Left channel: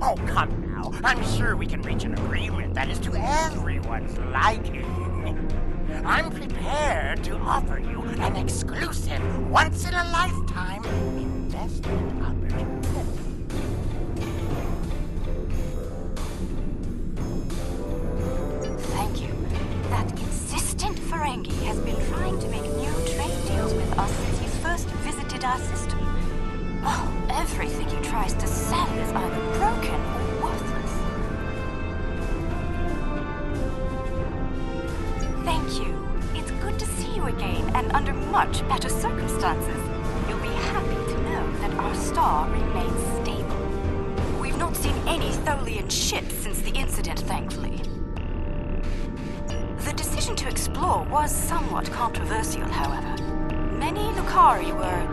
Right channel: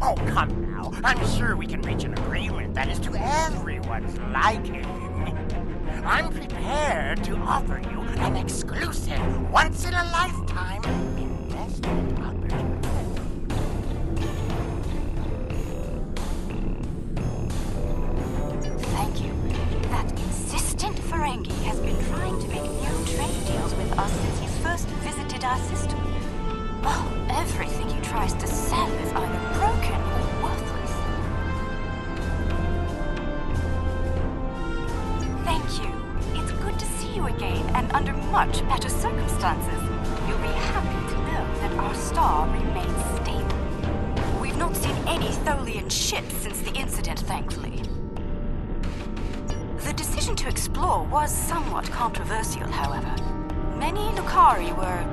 Oh, come now. I'm sure we can reach an agreement that is to everyone's liking. I'm prepared to offer you an exclusive, once-in-a-lifetime investment opportunity. Thank you. That insistent Ferengi has been trying to make new trade deals with us since he first visited our system. Oh, everything he tries to sell is either broken or worthless. Thank you. It's good to see you again, and under much better circumstances. You'll be happy to know that our star remains stable. We've not seen any Tholian ships since the incident, thankfully. The decision to explore was somewhat controversial, however. Many Lukari were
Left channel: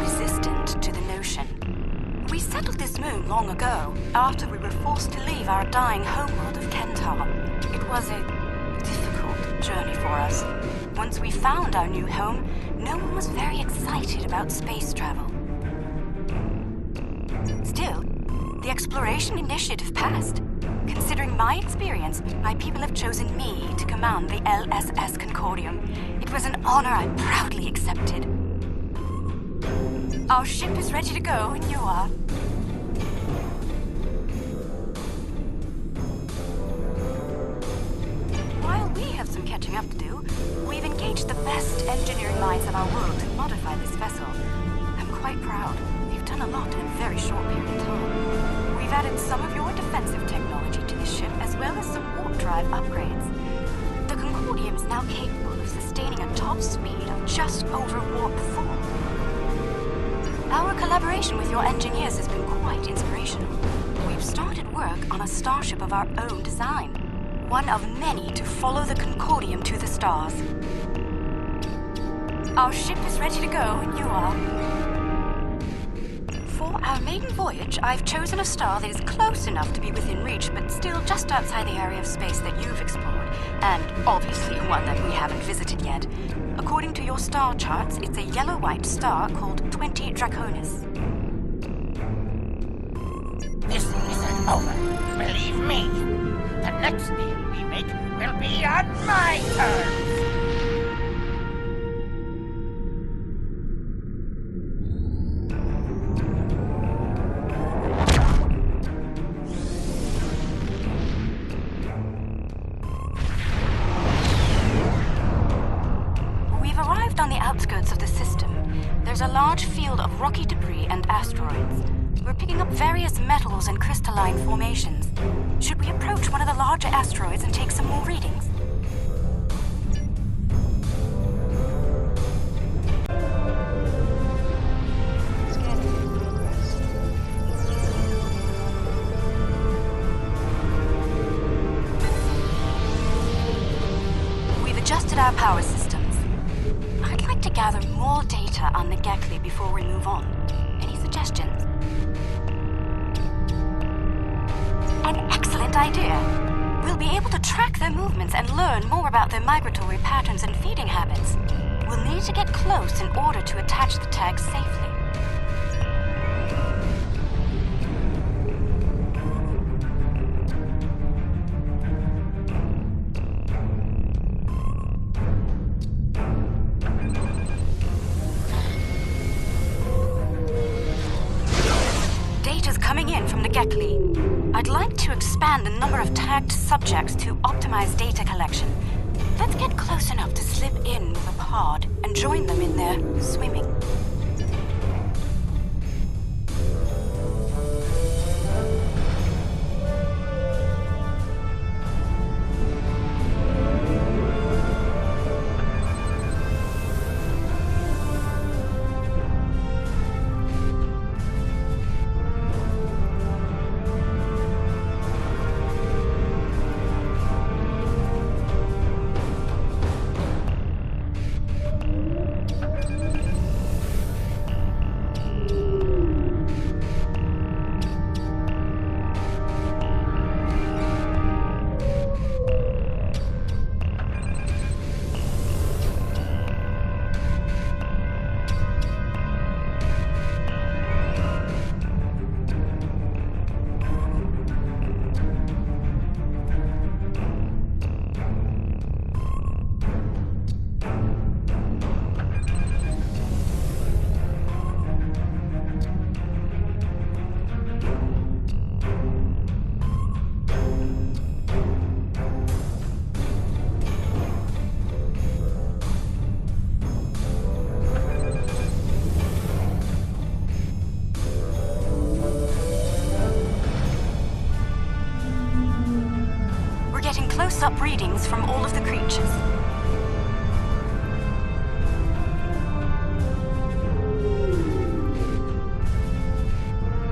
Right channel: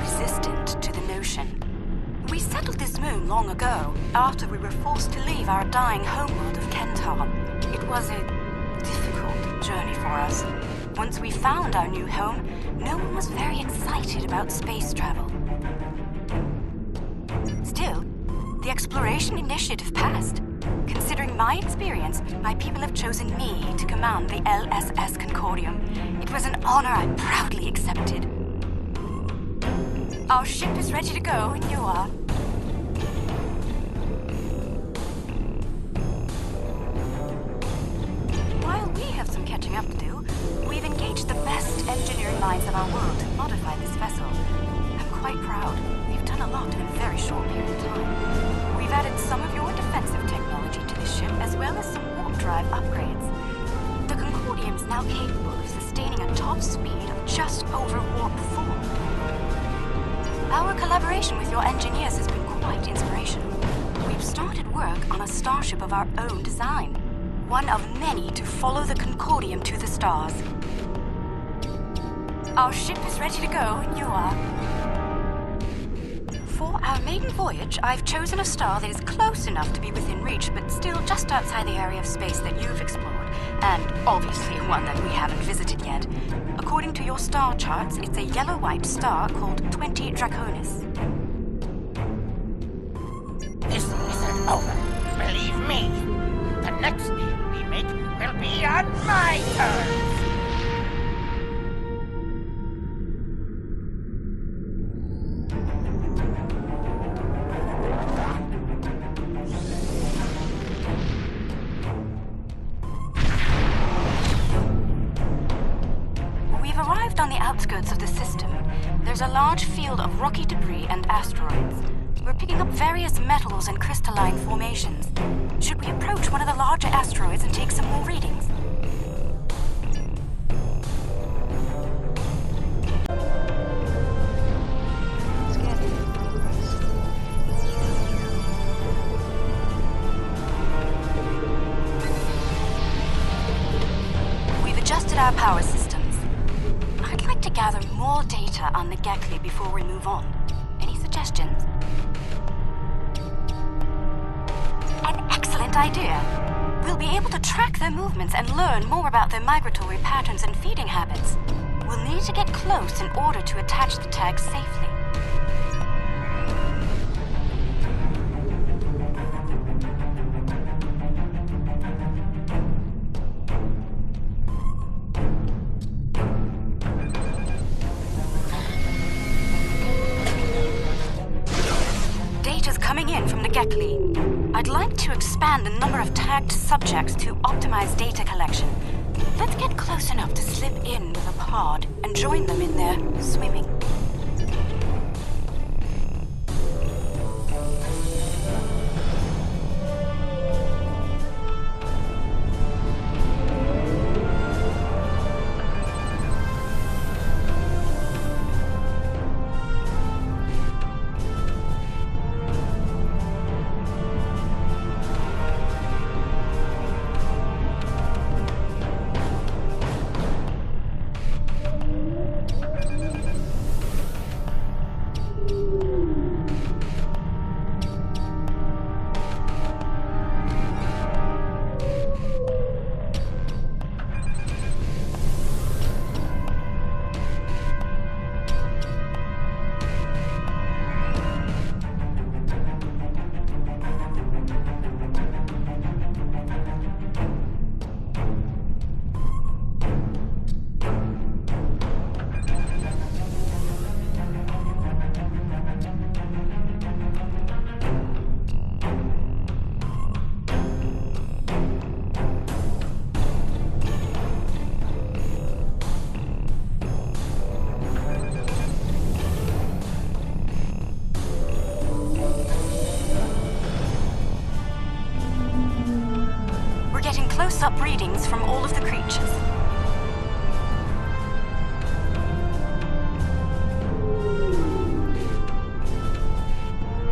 resistant to the notion. We settled this moon long ago, after we were forced to leave our dying homeworld of Kentar. It was a difficult journey for us. Once we found our new home, no one was very excited about space travel. Still, the exploration initiative passed. Considering my experience, my people have chosen me to command the LSS Concordium. It was an honor I proudly accepted. Our ship is ready to go when you are. While we have some catching up to do, we've engaged the best engineering minds of our world to modify this vessel. I'm quite proud. We've done a lot in a very short period of time. We've added some of your defensive technology to the ship, as well as some warp drive upgrades. The Concordium is now capable of sustaining a top speed of just over warp 4. Our collaboration with your engineers has been quite inspirational. We've started work on a starship of our own design. One of many to follow the Concordium to the stars. Our ship is ready to go when you are. For our maiden voyage, I've chosen a star that is close enough to be within reach, but still just outside the area of space that you've explored, and obviously one that we haven't visited yet. According to your star charts, it's a yellow-white star called 20 Draconis. This isn't over. Believe me. The next deal we make will be on my terms. We've arrived on the outskirts of the system. There's a large field of rocky debris and asteroids. We're picking up various metals and crystalline formations. Should we approach one of the larger asteroids and take some more readings? Scanning in progress. We've adjusted our power systems. I'd like to gather more data on the Gekli before we move on. Any suggestions? An excellent idea. We'll be able to track their movements and learn more about their migratory patterns and feeding habits. We'll need to get close in order to attach the tags safely. Data's coming in from the Gekli. I'd like to expand the number of tagged subjects to optimize data collection. Let's get close enough to slip in with a pod and join them in their swimming. close-up readings from all of the creatures.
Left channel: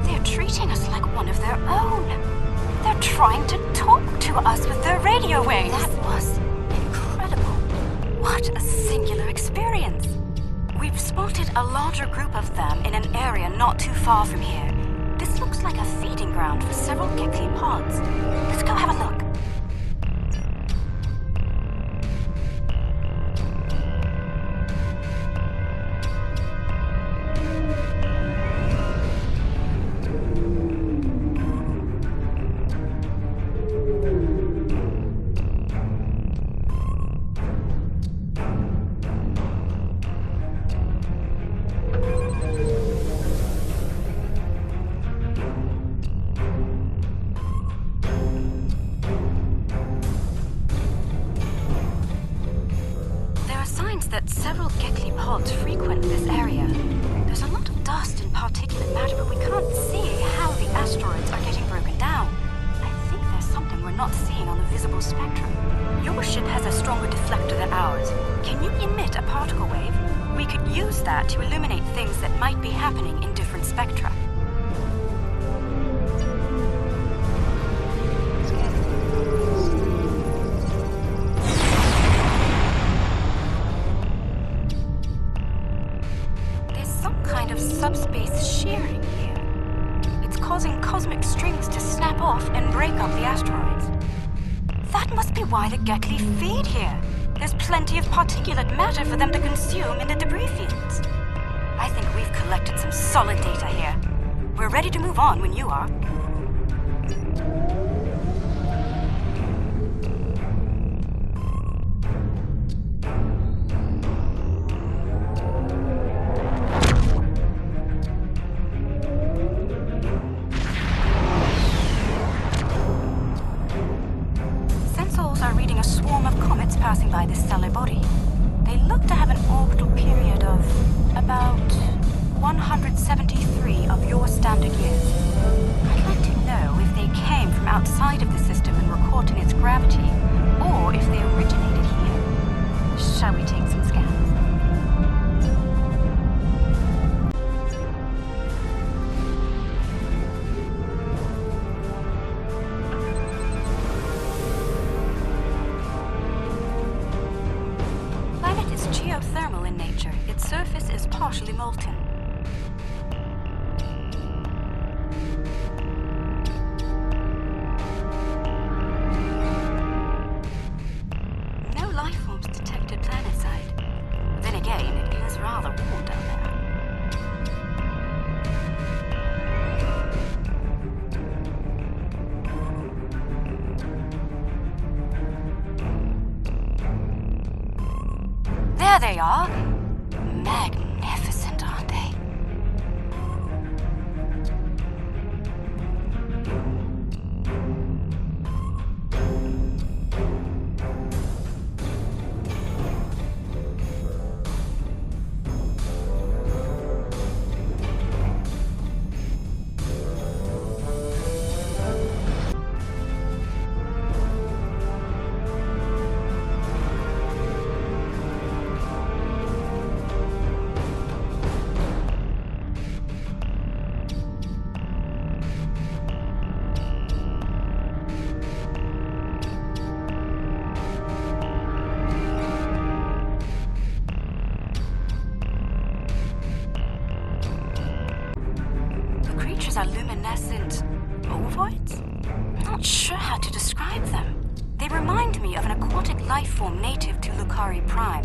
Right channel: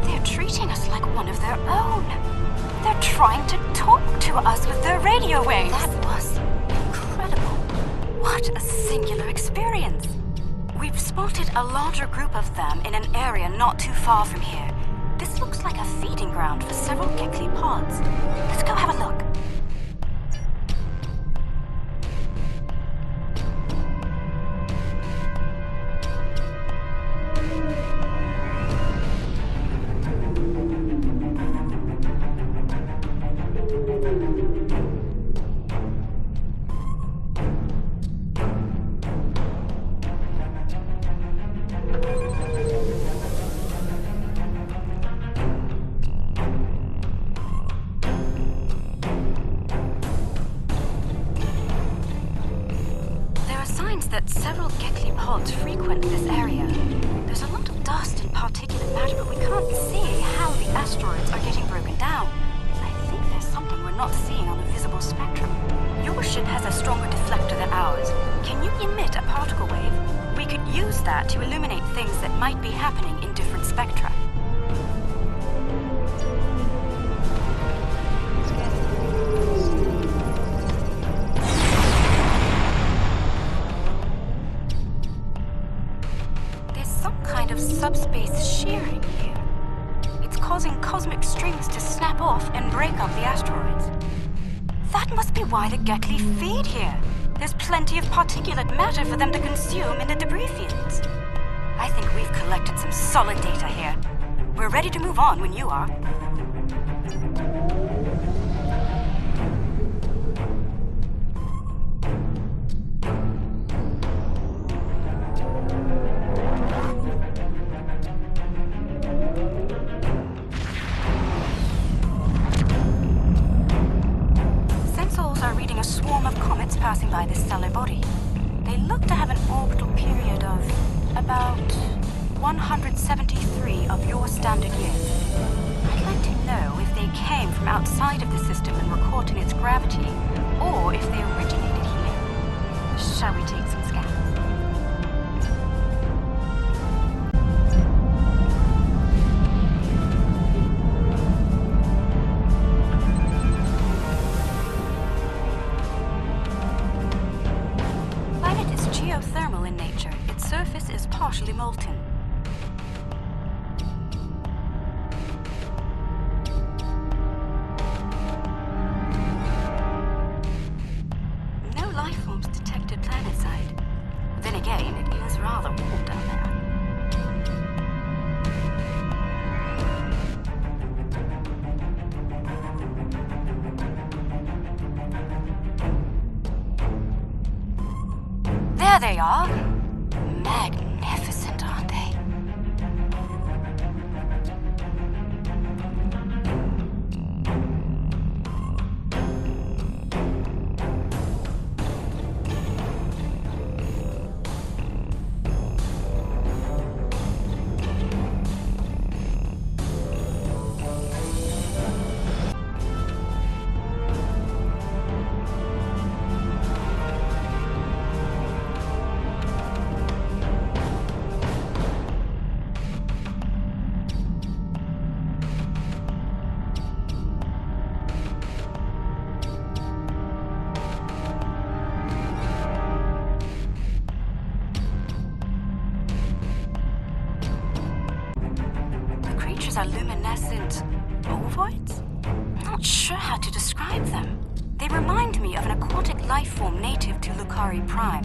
They're treating us like one of their own. They're trying to talk to us with their radio waves. That was incredible. What a singular experience. We've spotted a larger group of them in an area not too far from here. This looks like a feeding ground for several Gekli pods. Let's go have a look. Signs that several Gekli pods frequent this area. There's a lot of dust and particulate matter, but we can't see how the asteroids are getting broken down. I think there's something we're not seeing on the visible spectrum. Your ship has a stronger deflector than ours. Can you emit a particle wave? We could use that to illuminate things that might be happening in different spectra. Subspace shearing here. It's causing cosmic strings to snap off and break up the asteroids. That must be why the Gekli feed here. There's plenty of particulate matter for them to consume in the debris fields. I think we've collected some solid data here. We're ready to move on when you are. Are reading a swarm of comets passing by this stellar body. They look to have an orbital period of about 173 of your standard years. I'd like to know if they came from outside of the system and were caught in its gravity, or if they originated here. Shall we take some scans? Geothermal in nature. Its surface is partially molten. No life forms detected planetside. Then again, it is rather warm down there. There they are. Magnificent, aren't they? Are luminescent ovoids? Not sure how to describe them. They remind me of an aquatic life form native to Lukari Prime.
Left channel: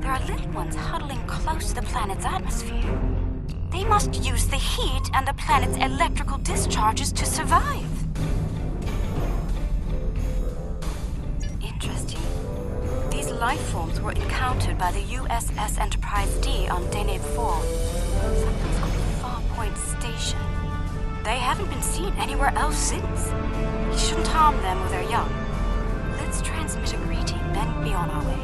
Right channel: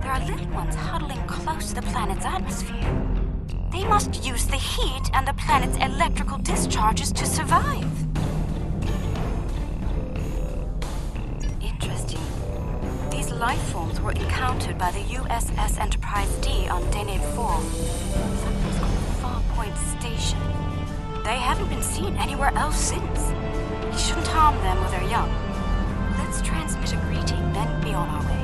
There are little ones huddling close to the planet's atmosphere. They must use the heat and the planet's electrical discharges to survive. Interesting. These life forms were encountered by the USS Enterprise D on Deneb 4, someplace called Farpoint Station. They haven't been seen anywhere else since. We shouldn't harm them while they're young. Let's transmit a greeting, then be on our way.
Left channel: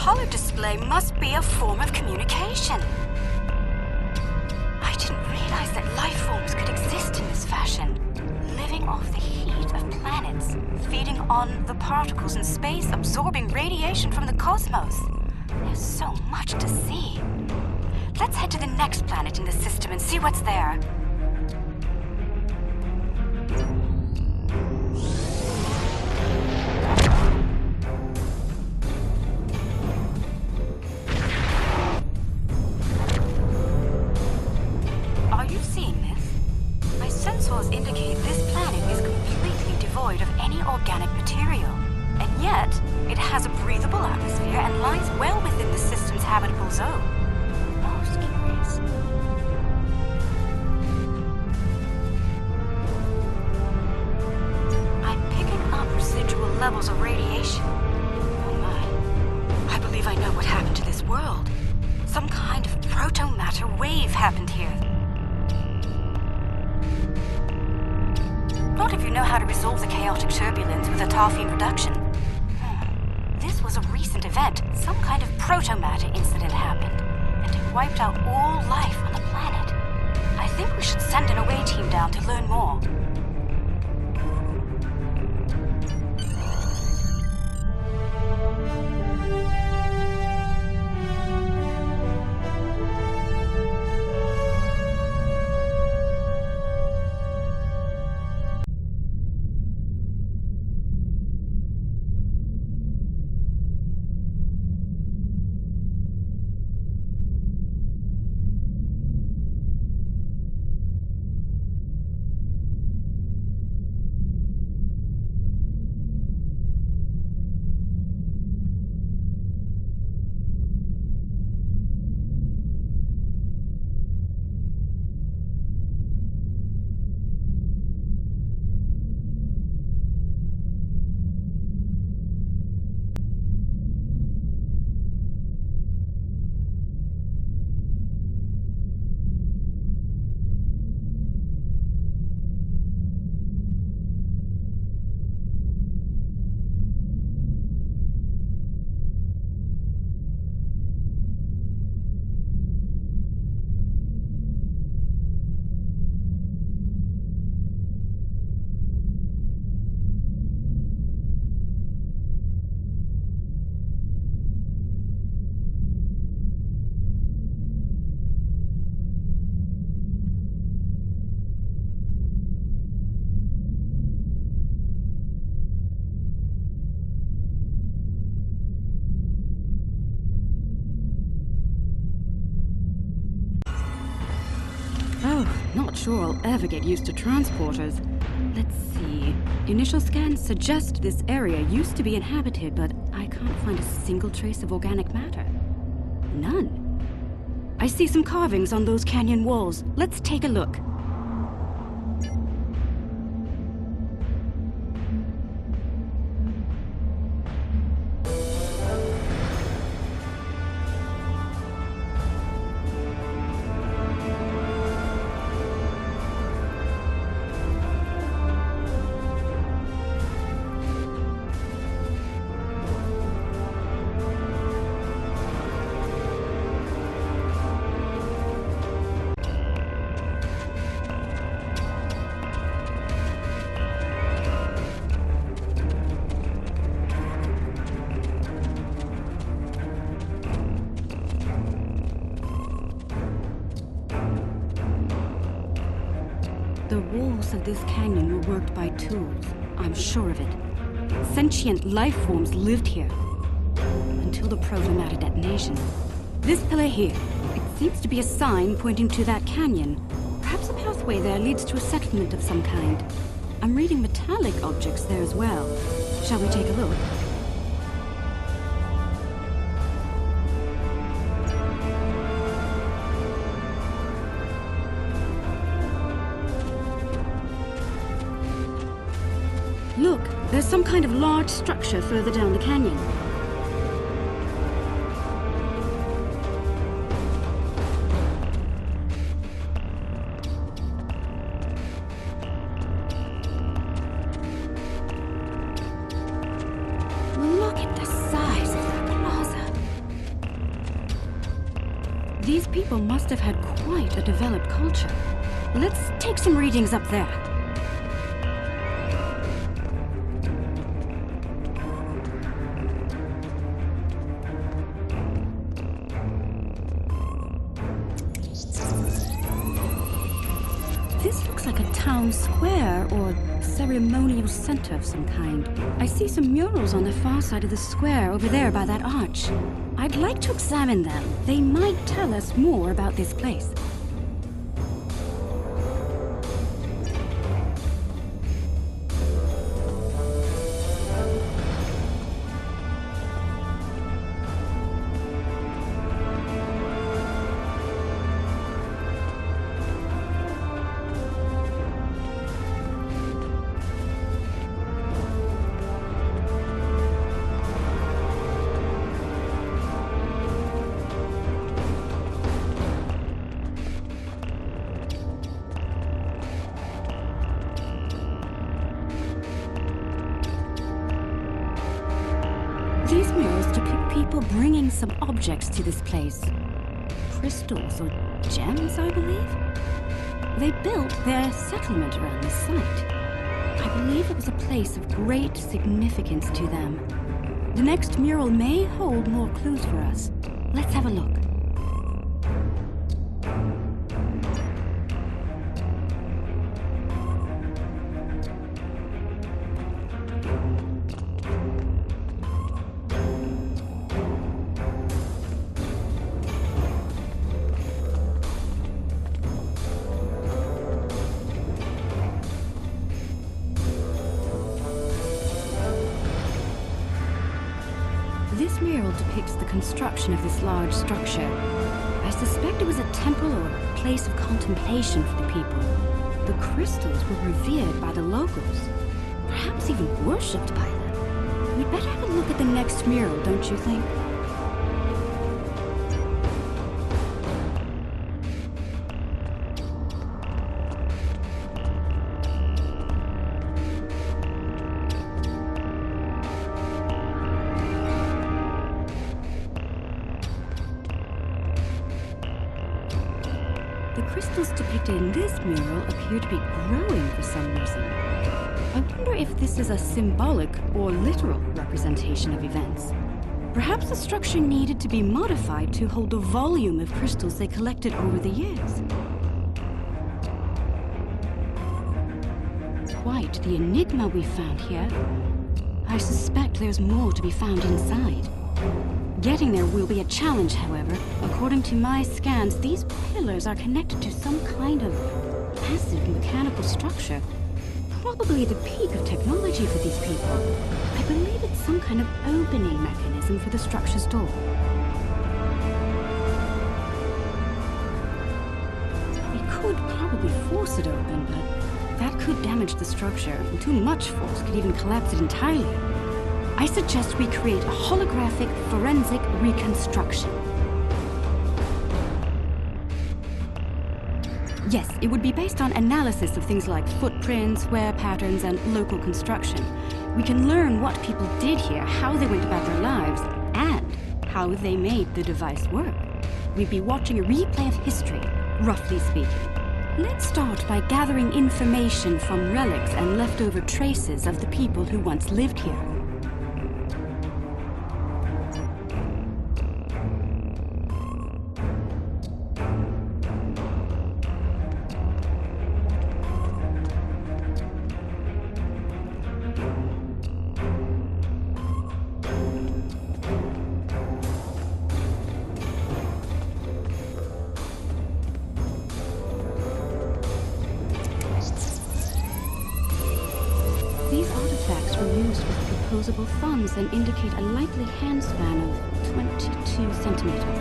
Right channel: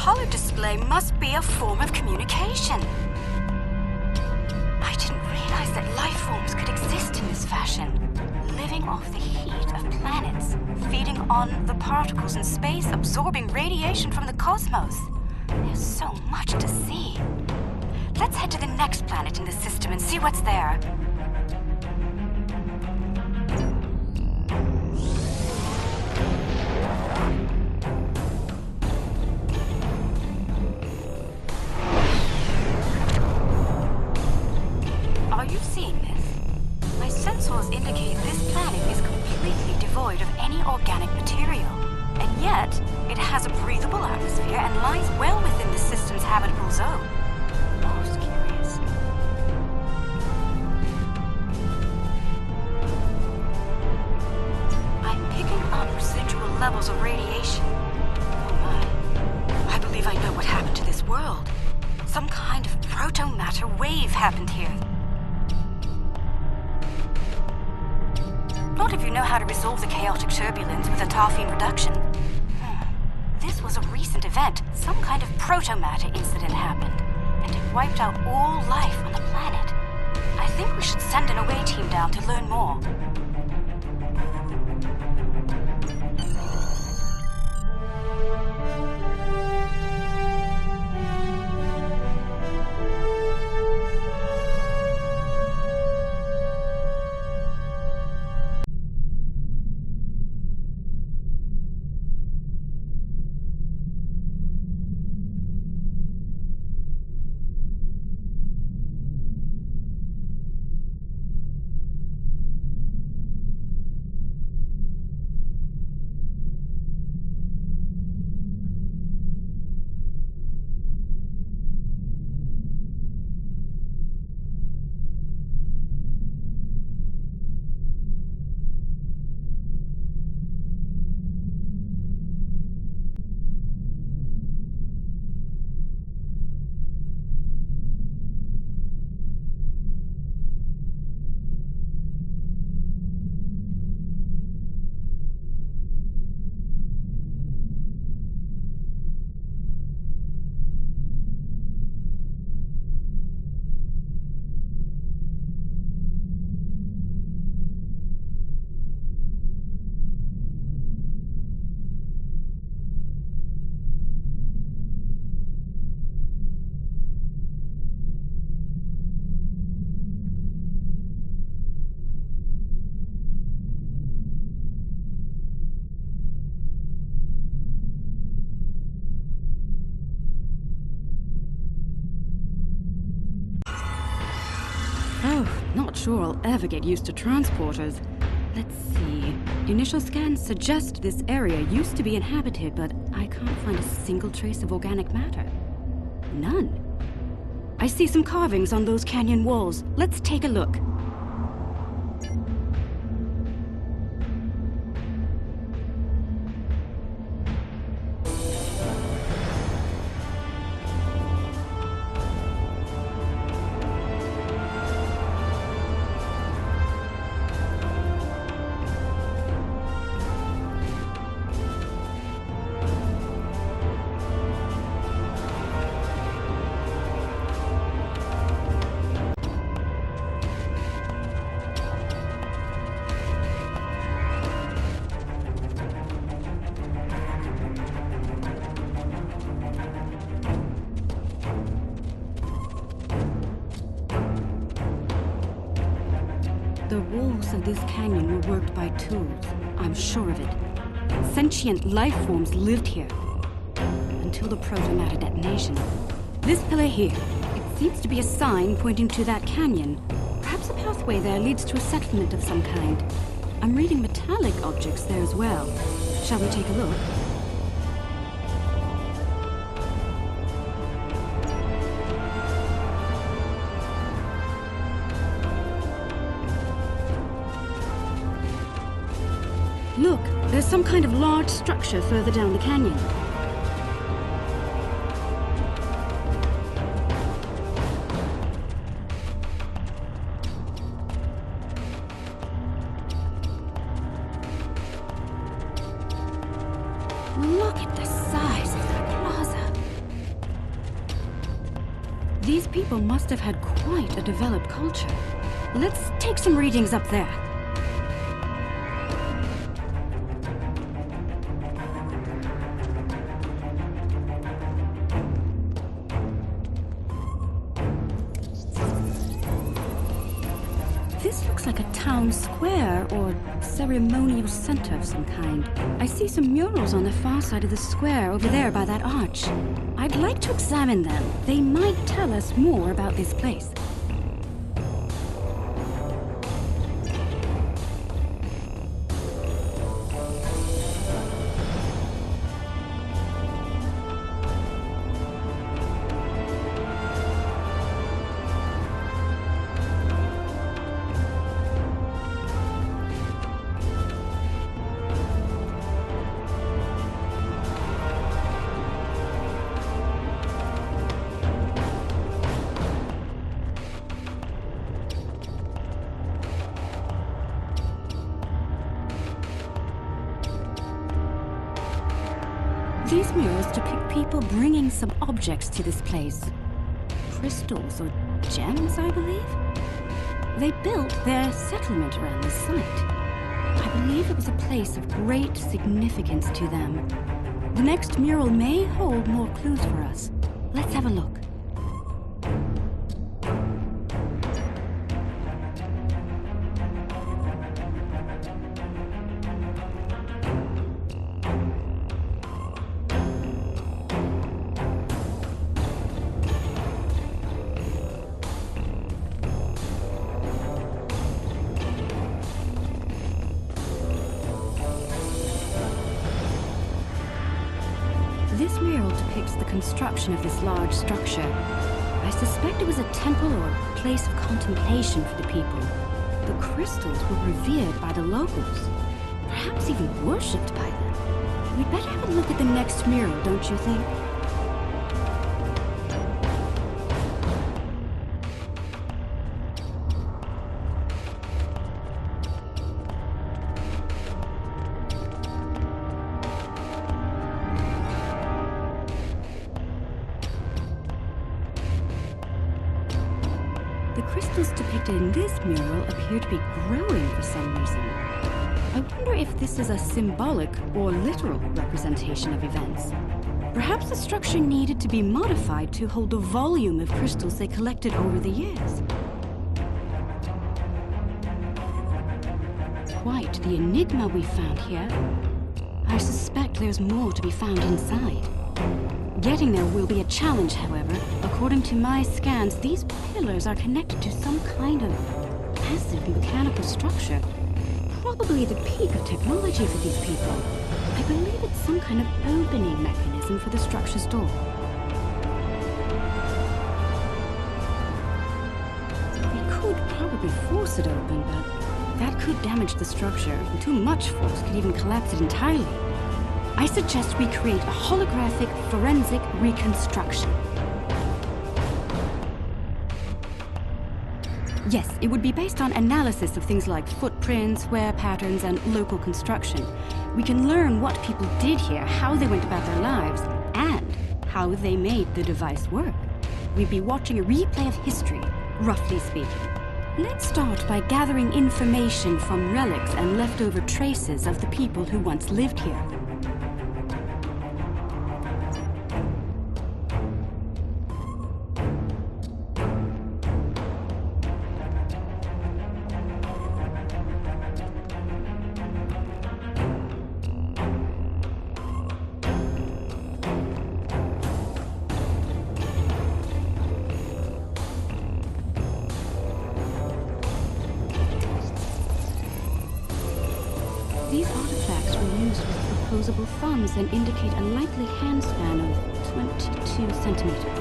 color display must be a form of communication. I didn't realize that life forms could exist in this fashion, living off the heat of planets, feeding on the particles in space, absorbing radiation from the cosmos. There's so much to see. Let's head to the next planet in the system and see what's there. Are you seeing this? My sensors indicate this planet is completely devoid of any organic material, and yet it has a breathable atmosphere and lies well within the system's habitable zone. Most curious. I'm picking up residual levels of radiation. Oh my. I believe I know what happened to this world. Some kind of proto-matter wave happened here. Not if you know how to resolve the chaotic turbulence with a Tarfine reduction. This was a recent event. Some kind of proto-matter incident happened, and it wiped out all life on the planet. I think we should send an away team down to learn more. Not sure I'll ever get used to transporters. Let's see. Initial scans suggest this area used to be inhabited, but I can't find a single trace of organic matter. None. I see some carvings on those canyon walls. Let's take a look. The walls of this canyon were worked by tools. I'm sure of it. Sentient life forms lived here. Until the proto-matter detonation. This pillar here, it seems to be a sign pointing to that canyon. Perhaps a pathway there leads to a settlement of some kind. I'm reading metallic objects there as well. Shall we take a look? Look, there's some kind of large structure further down the canyon. Look at the size of that plaza. people must have had quite a developed culture. Let's take some readings up there. This looks like a town square or ceremonial center of some kind. I see some murals on the far side of the square over there by that arch. I'd like to examine them. They might tell us more about this place. These murals depict people bringing some objects to this place. Crystals or gems, I believe? They built their settlement around this site. I believe it was a place of great significance to them. The next mural may hold more clues for us. Let's have a look. This mural depicts the construction of this large structure. I suspect it was a temple or a place of contemplation for the people. The crystals were revered by the locals, perhaps even worshipped by them. We'd better have a look at the next mural, don't you think? The crystals depicted in this mural appear to be growing for some reason. I wonder if this is a symbolic or literal representation of events. Perhaps the structure needed to be modified to hold the volume of crystals they collected over the years. Quite the enigma we found here. I suspect there's more to be found inside. Getting there will be a challenge, however. According to my scans, these pillars are connected to some kind of massive mechanical structure. Probably the peak of technology for these people. I believe it's some kind of opening mechanism for the structure's door. We could probably force it open, but that could damage the structure, and too much force could even collapse it entirely. I suggest we create a holographic forensic reconstruction. Yes, it would be based on analysis of things like footprints, wear patterns, and local construction. We can learn what people did here, how they went about their lives, and how they made the device work. We'd be watching a replay of history, roughly speaking. Let's start by gathering information from relics and leftover traces of the people who once lived here. These artifacts were used with opposable thumbs and indicate a likely handspan of 22 centimeters.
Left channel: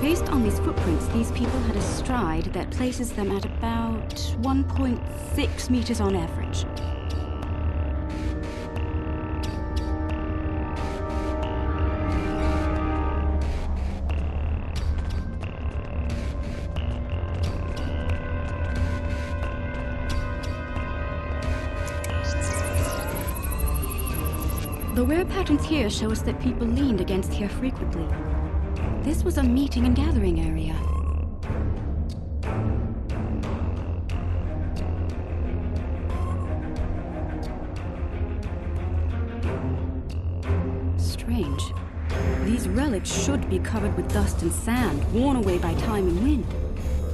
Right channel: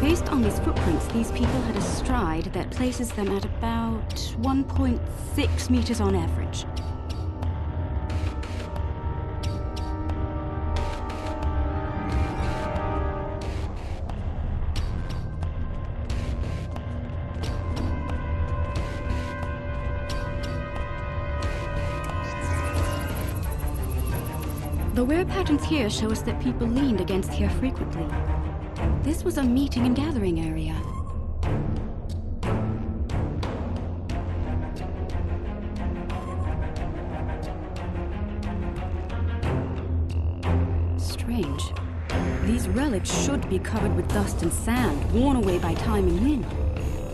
Based on these footprints, these people had a stride that places them at about 1.6 meters on average. The wear patterns here show us that people leaned against here frequently. This was a meeting and gathering area. Strange. These relics should be covered with dust and sand, worn away by time and wind.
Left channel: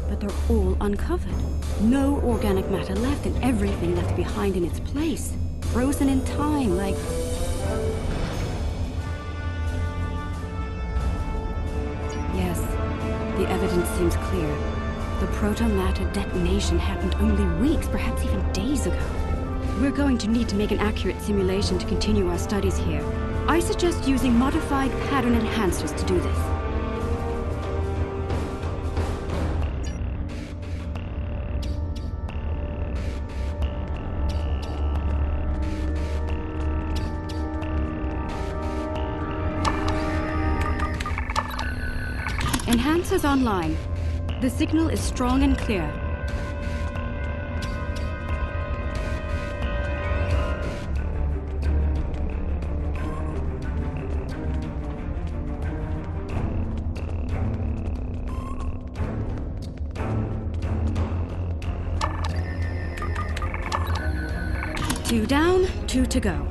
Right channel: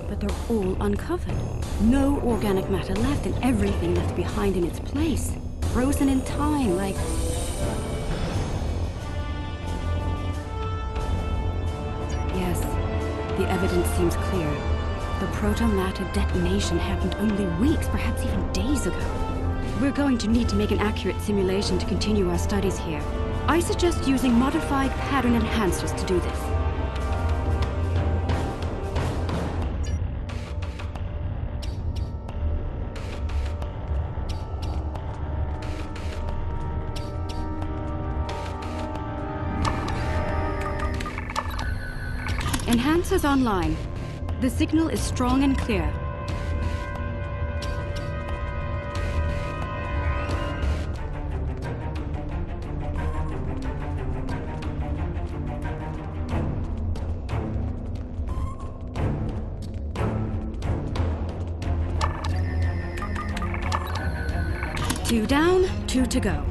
But they're all uncovered. No organic matter left, and everything left behind in its place. Frozen in time, like... Yes, the evidence seems clear. The proto-matter detonation happened only weeks, perhaps even days ago. We're going to need to make an accurate simulation to continue our studies here. I suggest using modified pattern enhancers to do this. Enhancers online. The signal is strong and clear. Two down, two to go.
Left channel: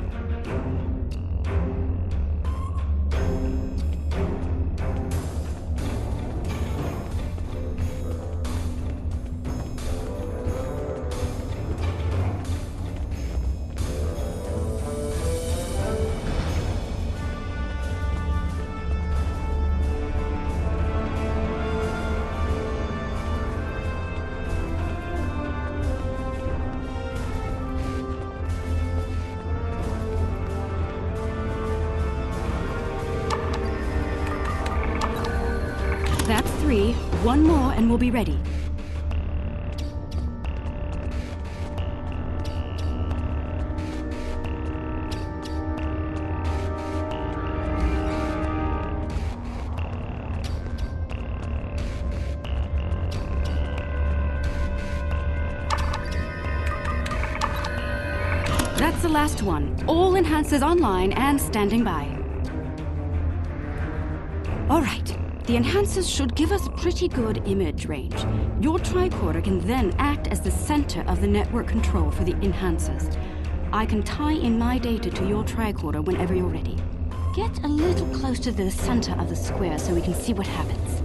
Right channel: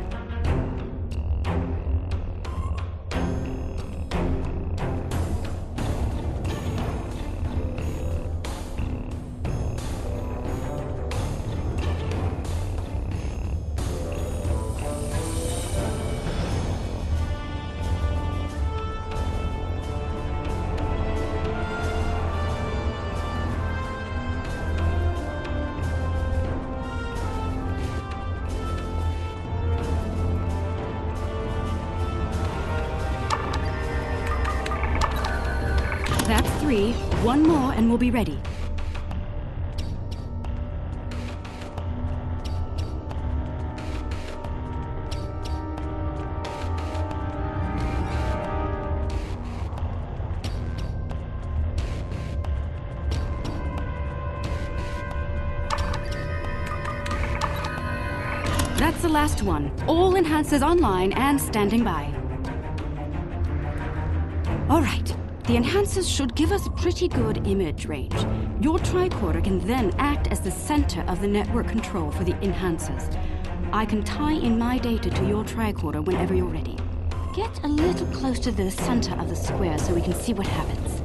That's 3. One more and we'll be ready. That's the last one. All enhancers online and standing by. All right. The enhancers should give us a pretty good image range. Your tricorder can then act as the center of the network control for the enhancers. I can tie in my data to your tricorder whenever you're ready. Get a little close to the center of the square so we can see what happens.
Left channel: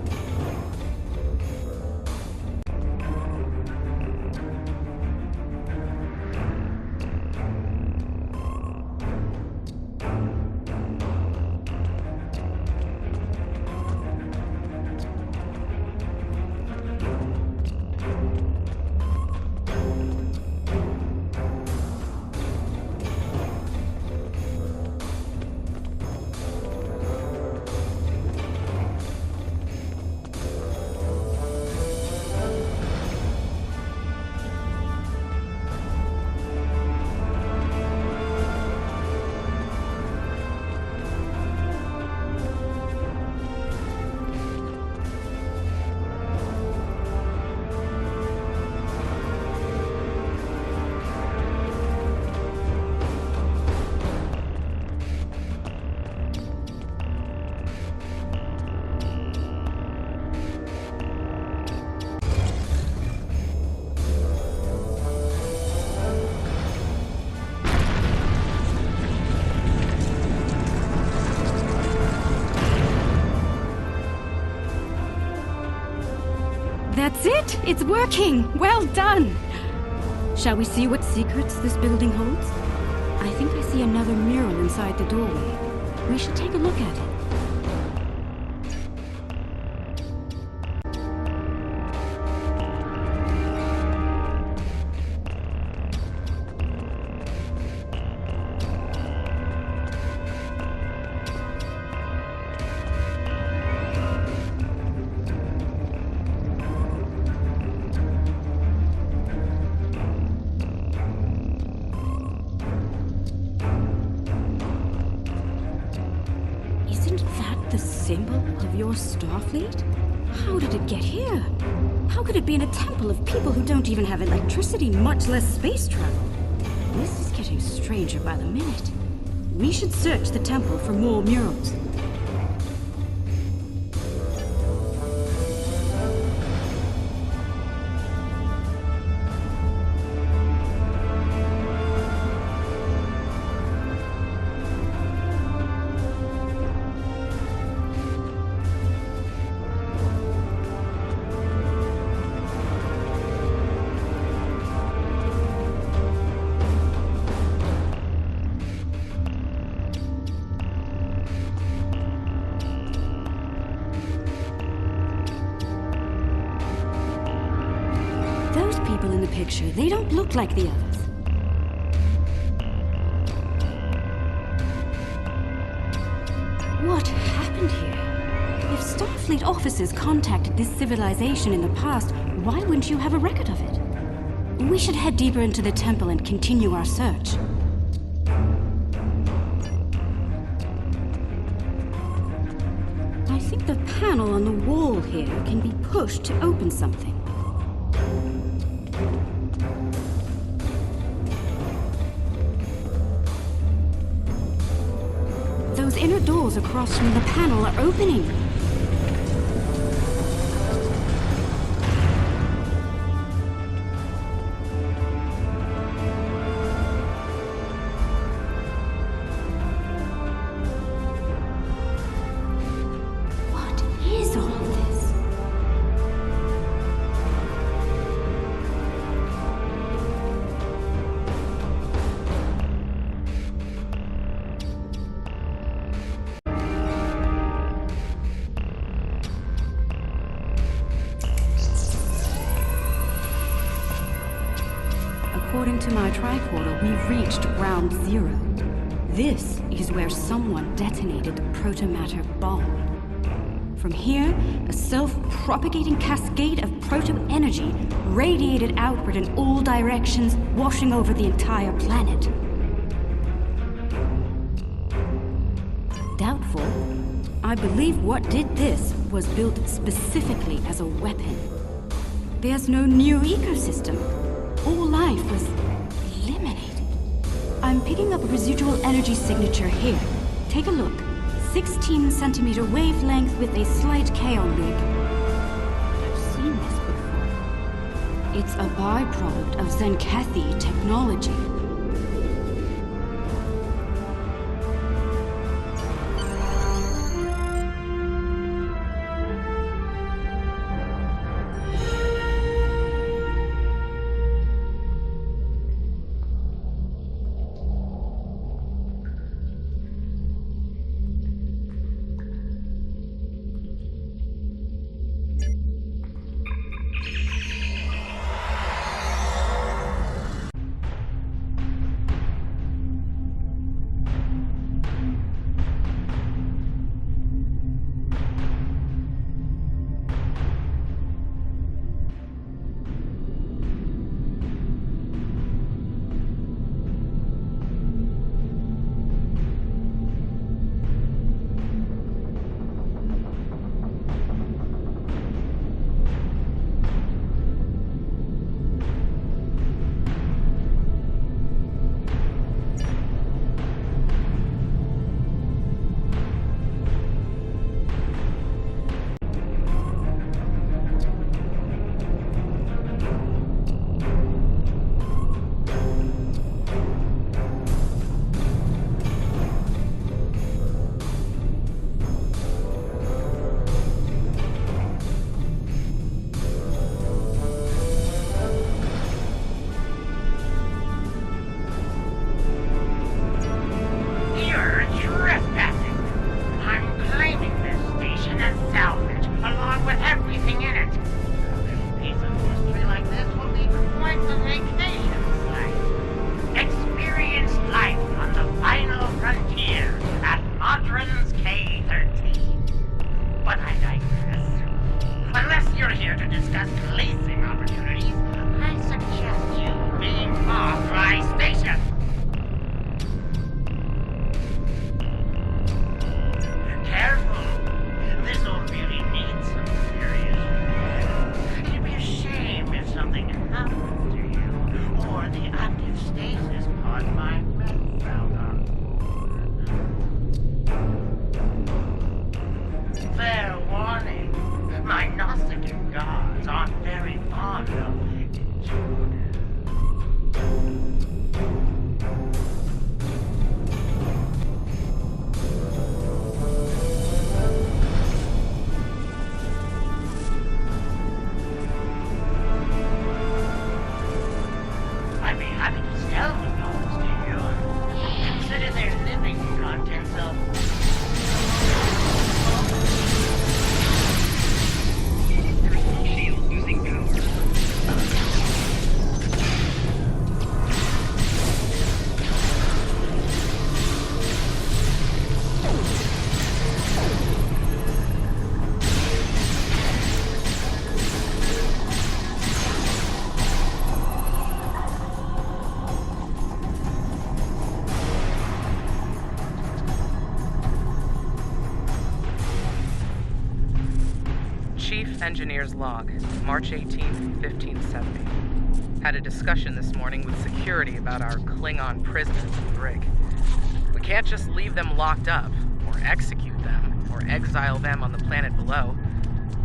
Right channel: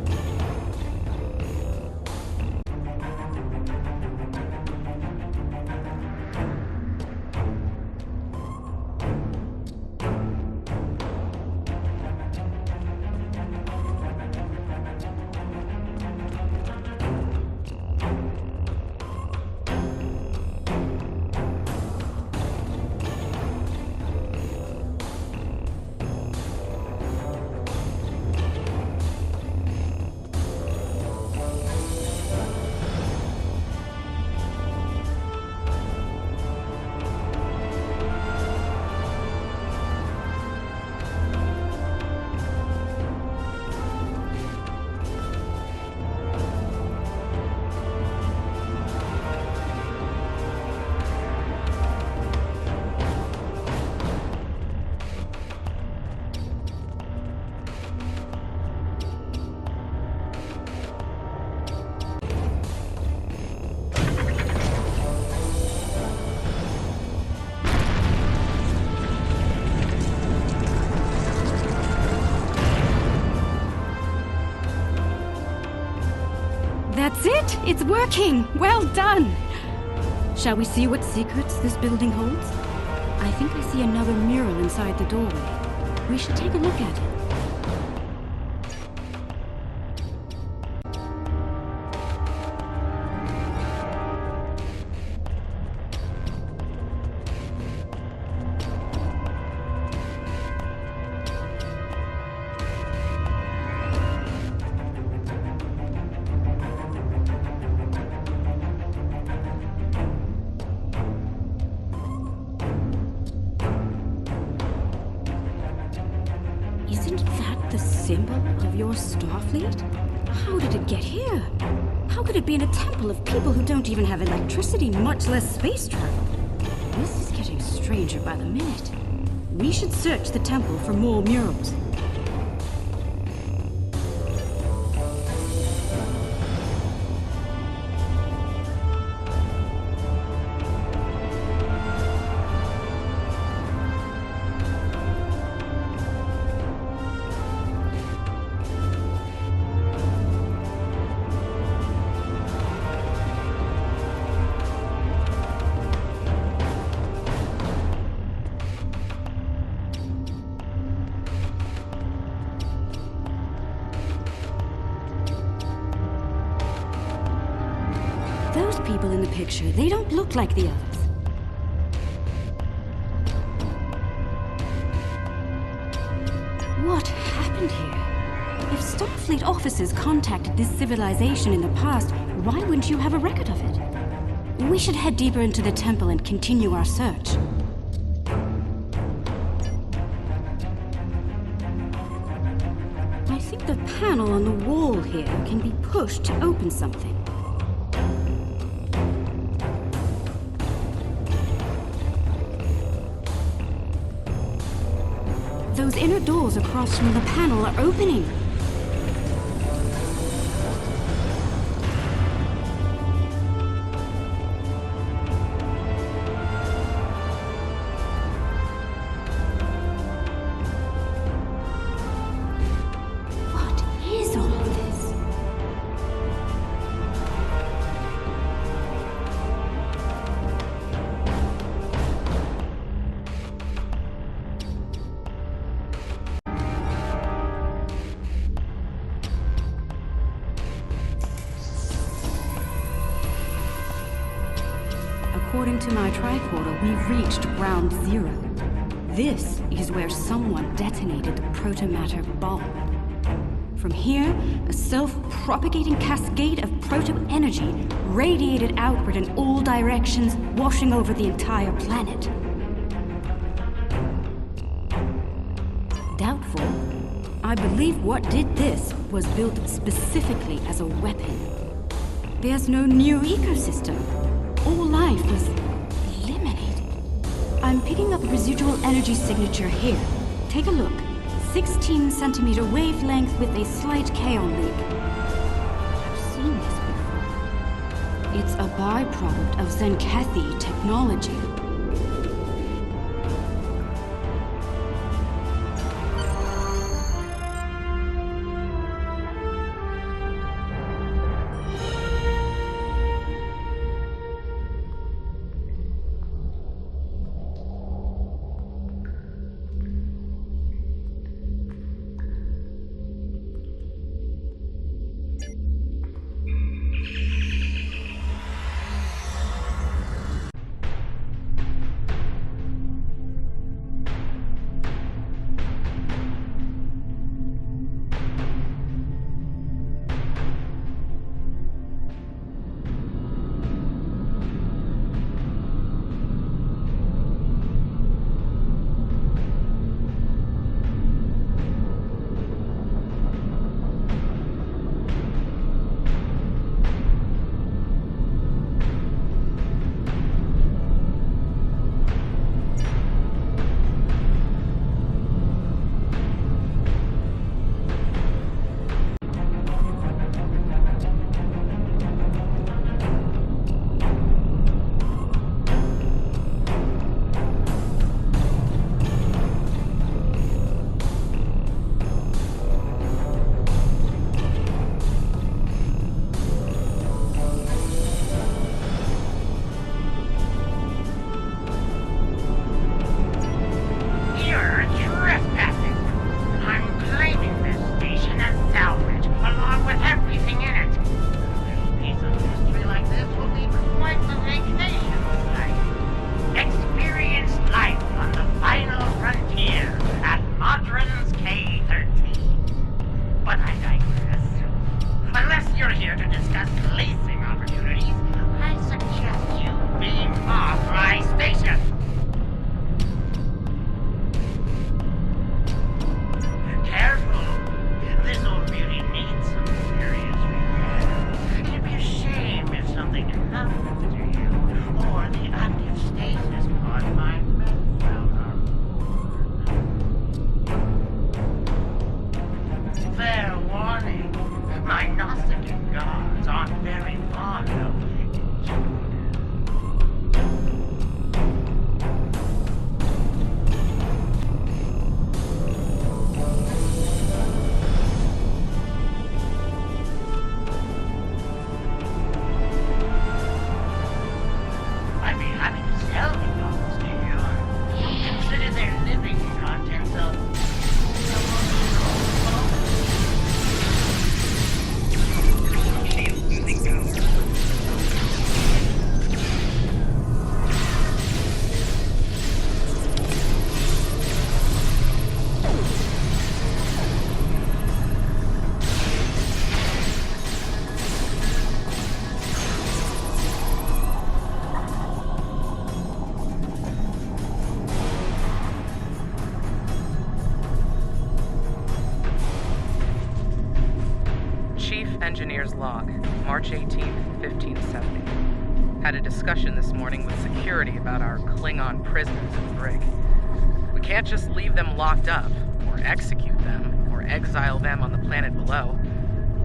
That's it! It's working! Well done! Shall we see what secrets this building holds? I think I see another mural inside the doorway. We should take a look at it. Isn't that the symbol of your Starfleet? How did it get here? How could it be in a temple of people who don't even have electricity, much less space travel? This is getting stranger by the minute. We should search the temple for more murals. Those people in the picture, they don't look like the others. What happened here? If Starfleet officers contacted this civilization in the past, why wouldn't you have a record of it? We should head deeper into the temple and continue our search. I think the panel on the wall here can be pushed to open something. Those inner doors across from the panel are opening. What is all of this? According to my tricorder, we've reached ground zero. This is where someone detonated the protomatter bomb. From here, a self-propagating cascade of proto-energy radiated outward in all directions, washing over the entire planet. Doubtful. I believe what did this was built specifically as a weapon. There's no new ecosystem. All life was eliminated. I'm picking up a residual energy signature here. Take a look. 16 centimeter wavelength with a slight kaon leak. I've seen this before. It's a byproduct of Zenkethi technology. My Gnostic gods aren't very fond of intruders. I'd be happy to sell the gods to you. Consider their living contents of... Shield losing power. Chief Engineer's Log, March 18th, 1570. Had a discussion this morning with security about our Klingon prisoners in the brig. We can't just leave them locked up, or execute them, or exile them on the planet below.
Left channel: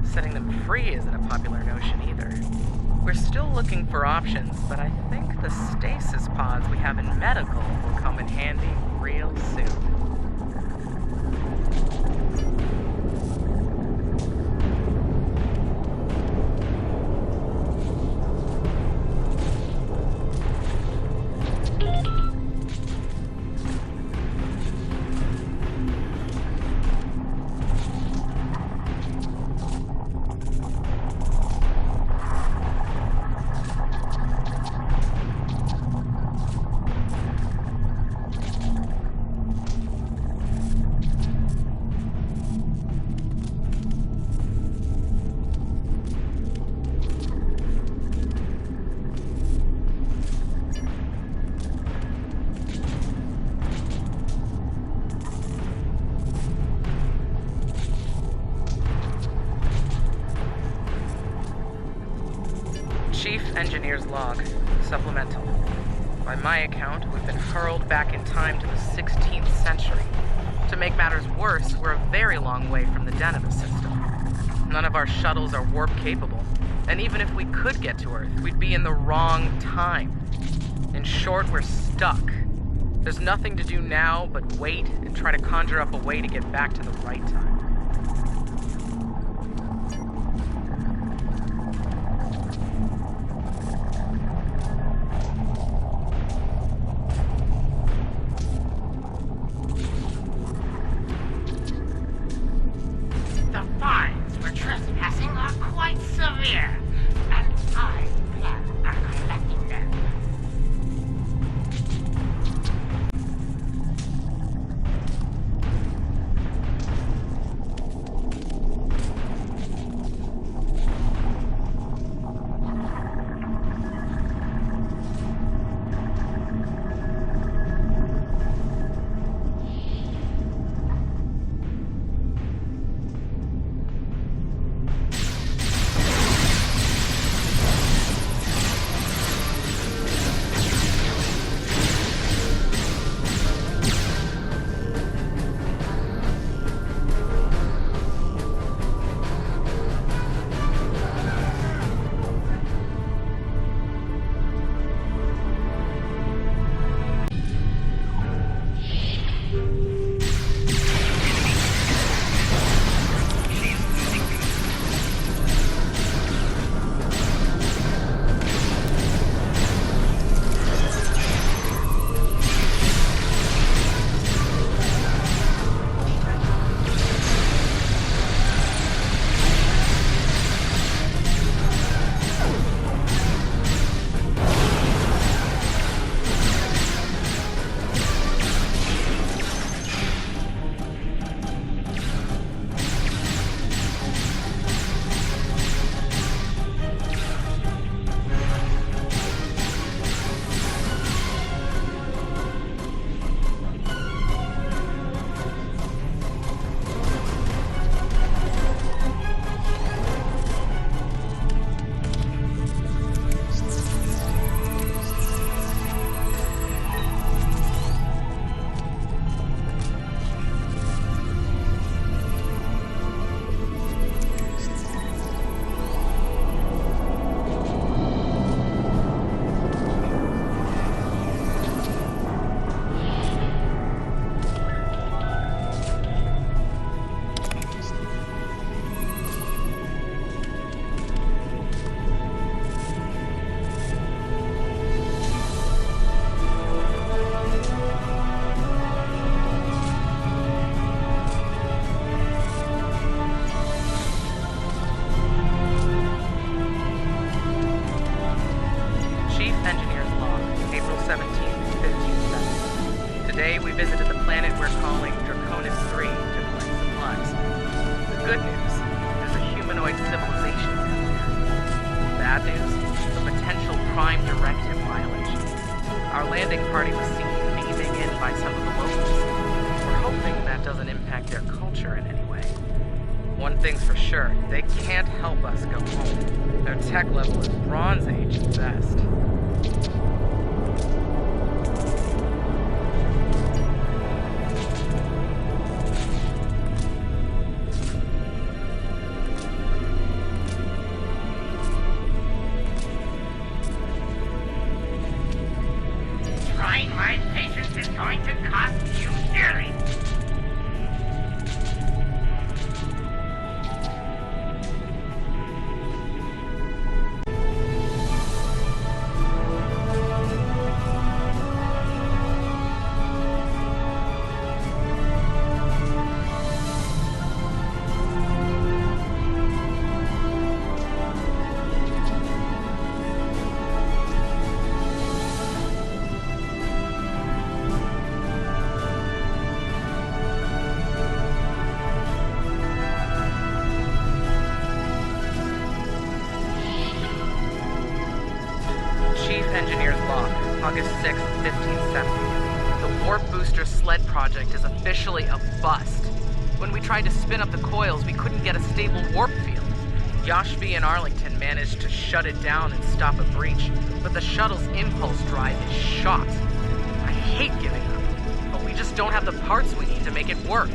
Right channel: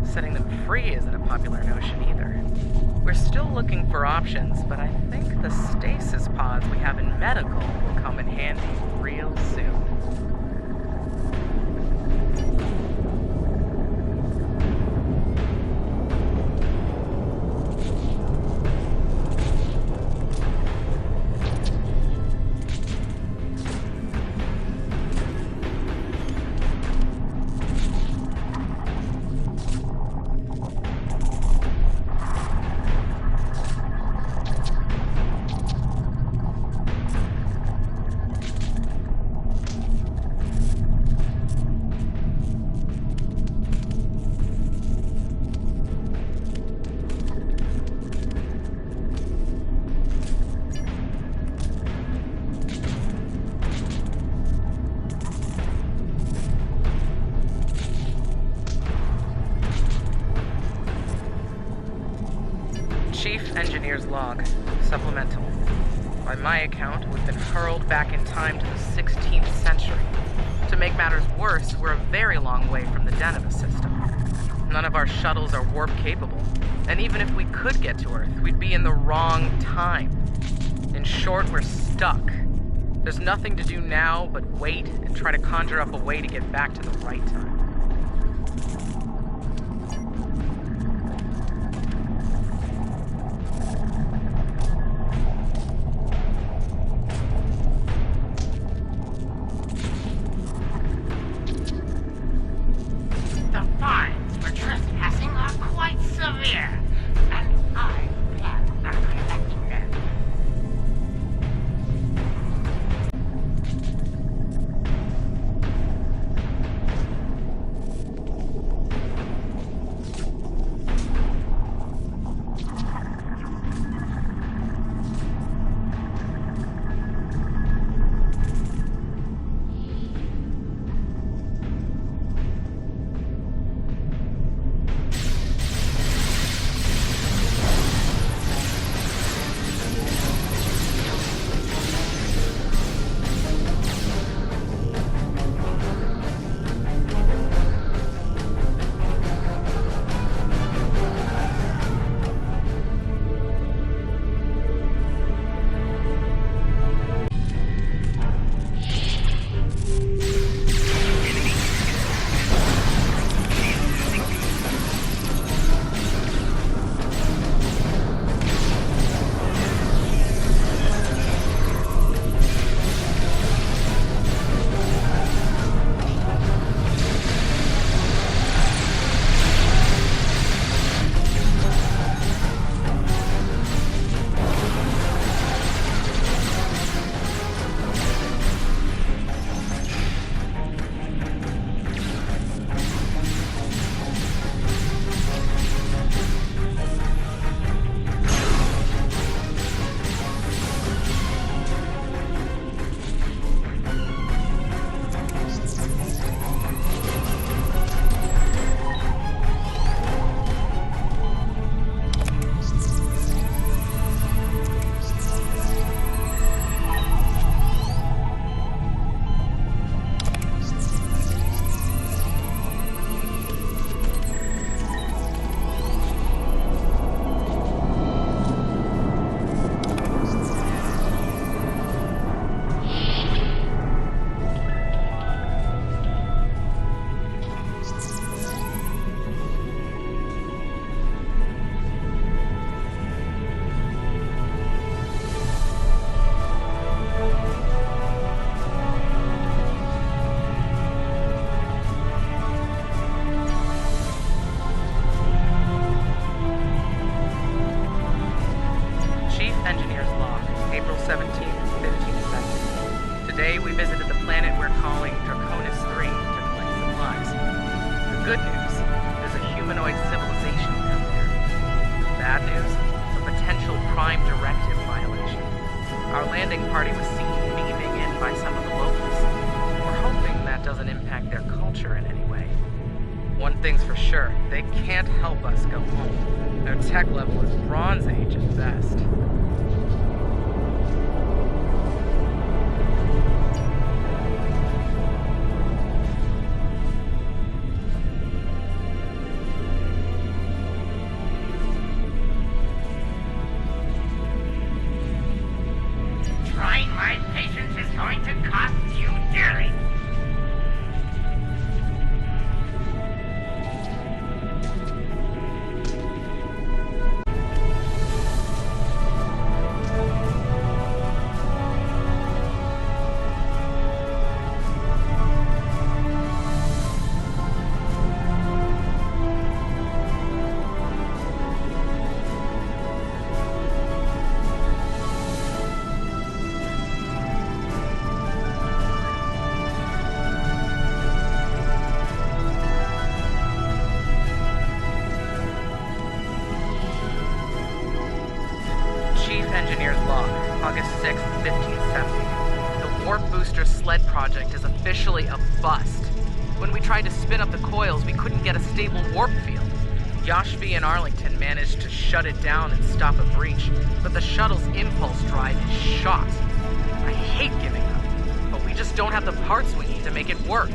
Setting them free isn't a popular notion either. We're still looking for options, but I think the stasis pods we have in medical will come in handy real soon. Chief Engineer's Log, Supplemental. By my account, we've been hurled back in time to the 16th century. To make matters worse, we're a very long way from the Deneva system. None of our shuttles are warp-capable, and even if we could get to Earth, we'd be in the wrong time. In short, we're stuck. There's nothing to do now but wait and try to conjure up a way to get back to the right time. The fines for trespassing are quite severe, and I plan on collecting them. planet we're calling Draconis 3 to collect supplies. The good news, there's a humanoid civilization down there. The bad news, a potential Prime Directive violation. Our landing party was seen beaming in by some of the locals. We're hoping that doesn't impact their culture in any way. One thing's for sure, they can't help us go home. Their tech level is Bronze Age at best. Trying my patience is going to cost you dearly. Chief Engineer's Log, August 6th, 1570. The Warp Booster Sled project is officially a bust. When we tried to spin up the coils, we couldn't get a stable warp field. Yashvi and Arlington managed to shut it down and stop a breach, but the shuttle's impulse drive is shot. I hate giving up, but we just don't have the parts we need to make it work.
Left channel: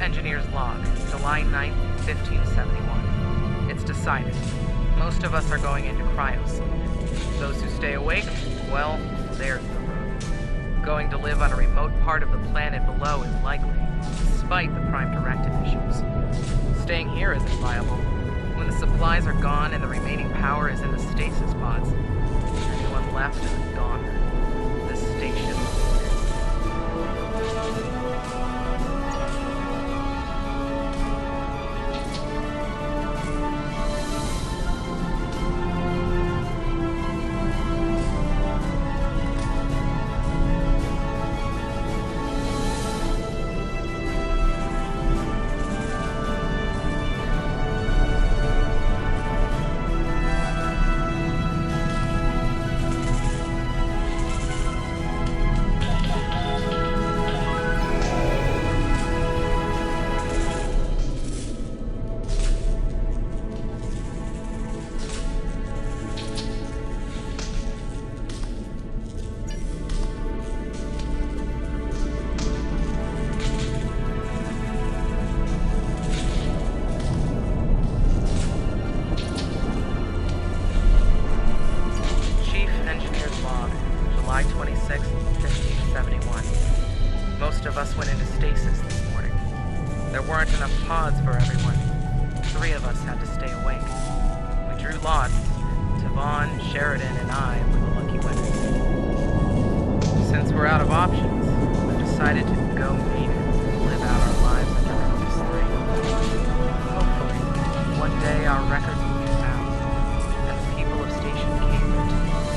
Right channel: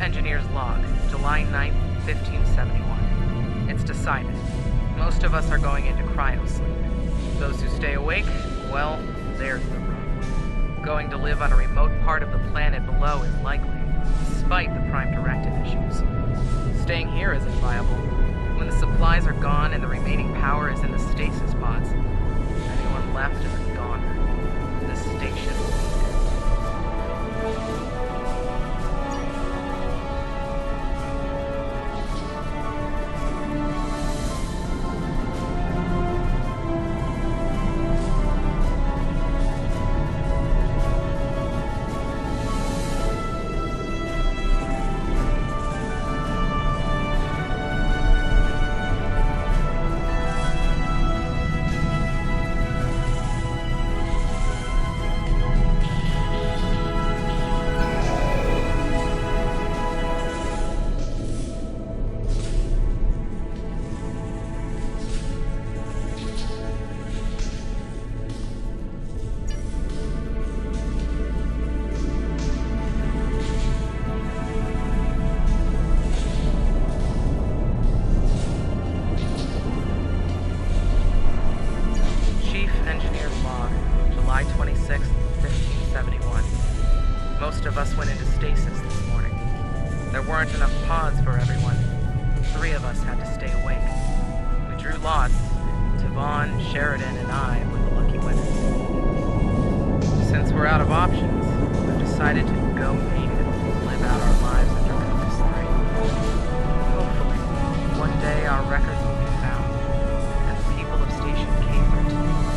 Engineer's Log, July 9th, 1571. It's decided. Most of us are going into cryosleep. Those who stay awake, well, there's the rub. Going to live on a remote part of the planet below is likely, despite the Prime Directive issues. Staying here isn't viable. When the supplies are gone and the remaining power is in the stasis pods, anyone left is a goner. This station will be dead. July 26th, 1571. Most of us went into stasis this morning. There weren't enough pods for everyone. 3 of us had to stay awake. We drew lots. Tavon, Sheridan, and I were the lucky winners. Since we're out of options, we've decided to go native and live out our lives under Compass 3. Hopefully, one day our records will be found, and the people of Station Cambridge will be remembered.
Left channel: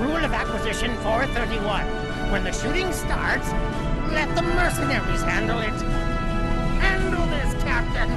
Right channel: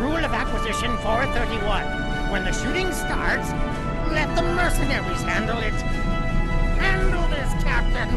Rule of Acquisition 431. When the shooting starts, let the mercenaries handle it. Handle this, Captain.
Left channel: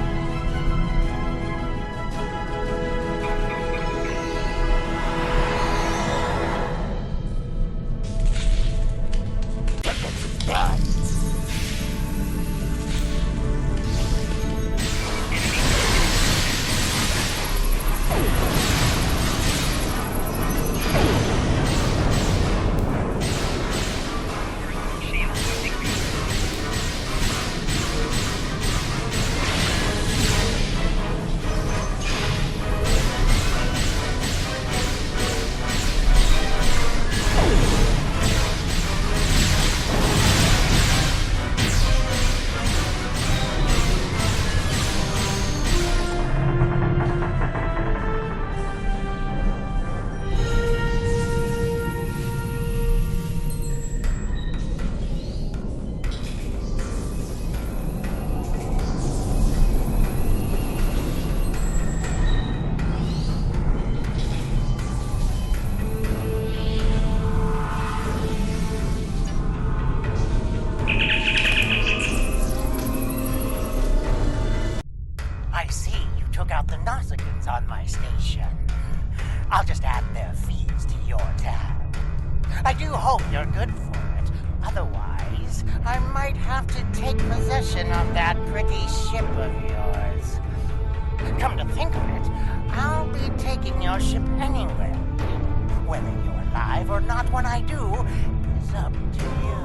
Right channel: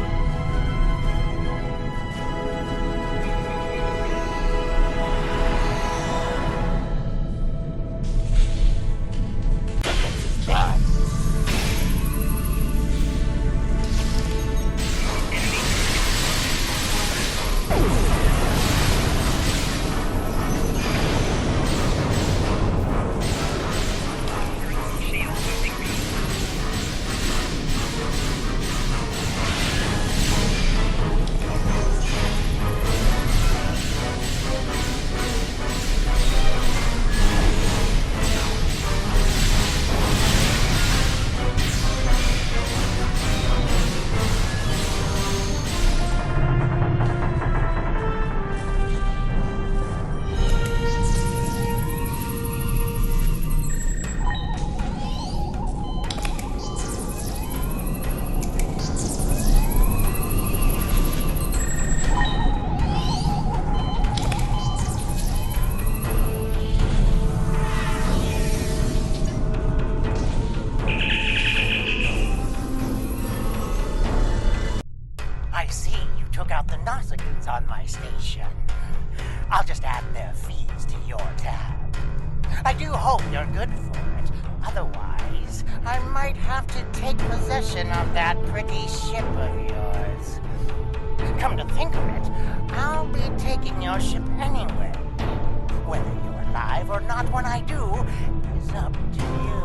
I see you took out the Nausicaans on my station. I'll just add their fees to your tab. I do hope you're good for it. Otherwise, I might have to take possession of that pretty ship of yours. Come to think of it, I'll be taking your ship anyway. Whether you're alive or not when I do is up to you.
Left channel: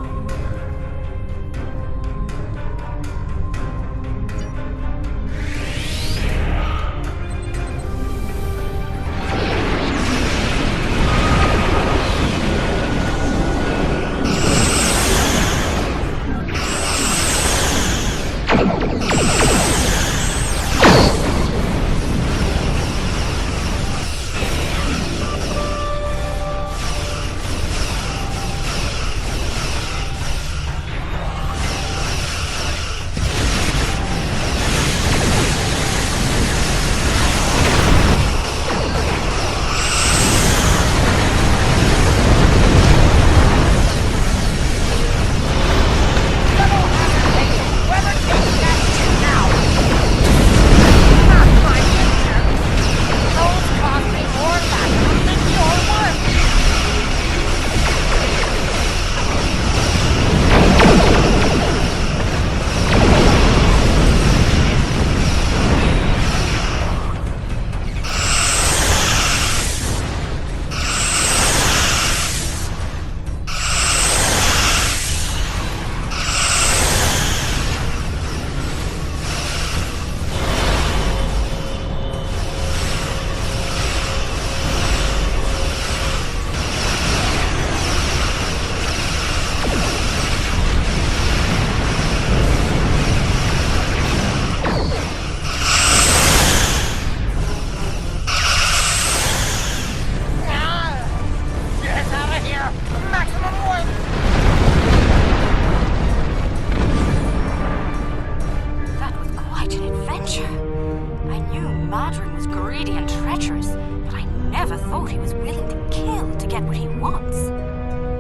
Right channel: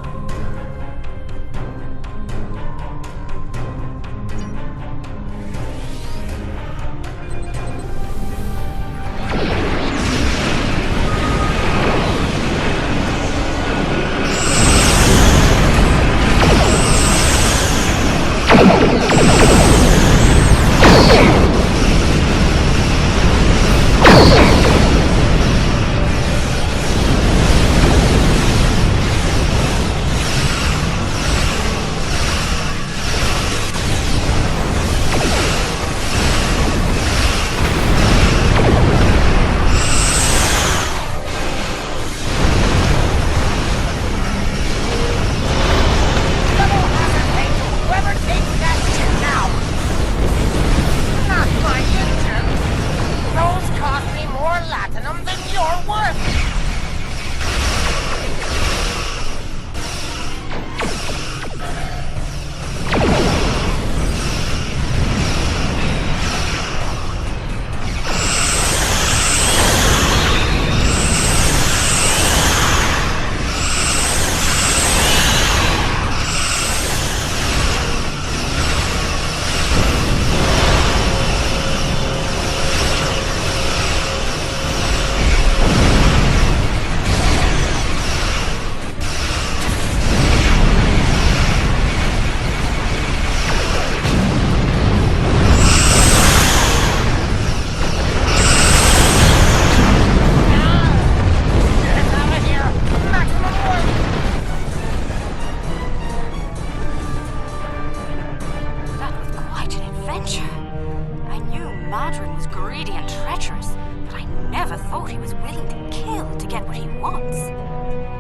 Madron was greedy and treacherous, but I never thought he was willing to kill to get what he wants.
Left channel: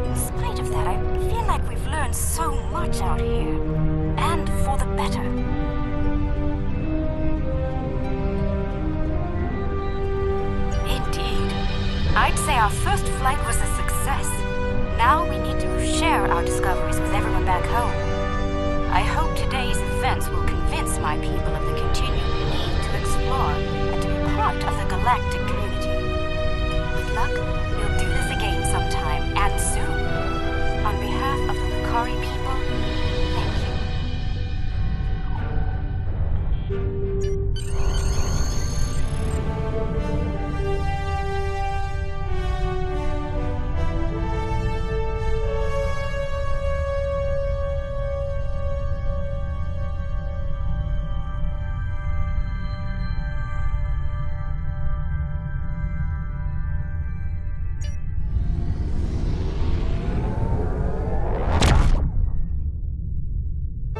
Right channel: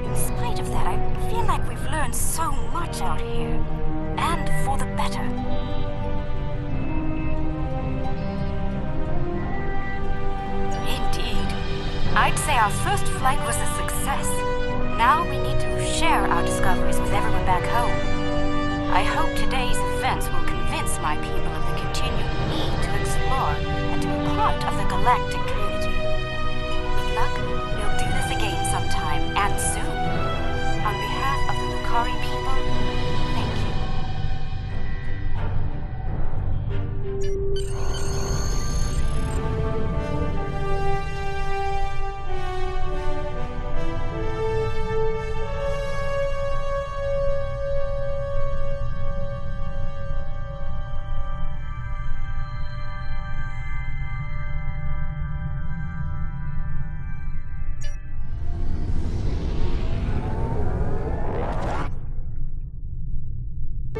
In spite of that, I feel like we've learned so much out here. And for the better. Indeed. I'd say our first flight was a success. Now we need to share our discoveries with everyone back home. I hope today's events will convince my people of the continued need to explore and to be part of the galactic community. With luck, we'll do this again sometime, and soon. On behalf of the Lukari people, thank you.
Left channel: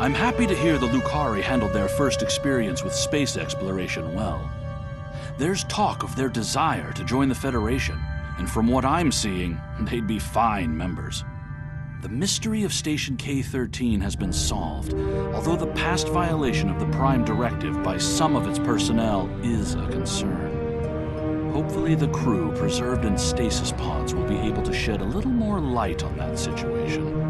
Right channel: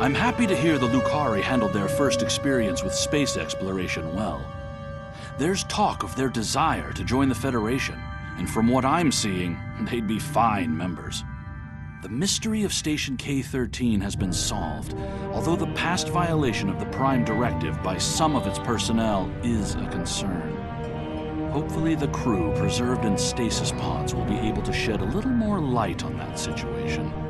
I'm happy to hear the Lucari handled their first experience with space exploration well. There's talk of their desire to join the Federation, and from what I'm seeing, they'd be fine members. The mystery of Station K-13 has been solved, although the past violation of the Prime Directive by some of its personnel is a concern. Hopefully the crew preserved in stasis pods will be able to shed a little more light on that situation.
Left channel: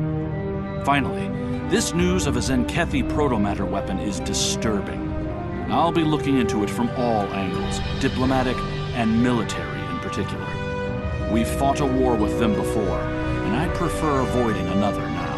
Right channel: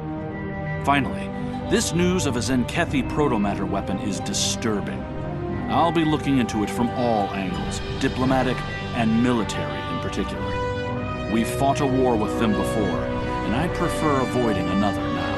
Finally, this news of a Zenkethi protomatter weapon is disturbing. I'll be looking into it from all angles, diplomatic and military in particular. We've fought a war with them before, and I'd prefer avoiding another now.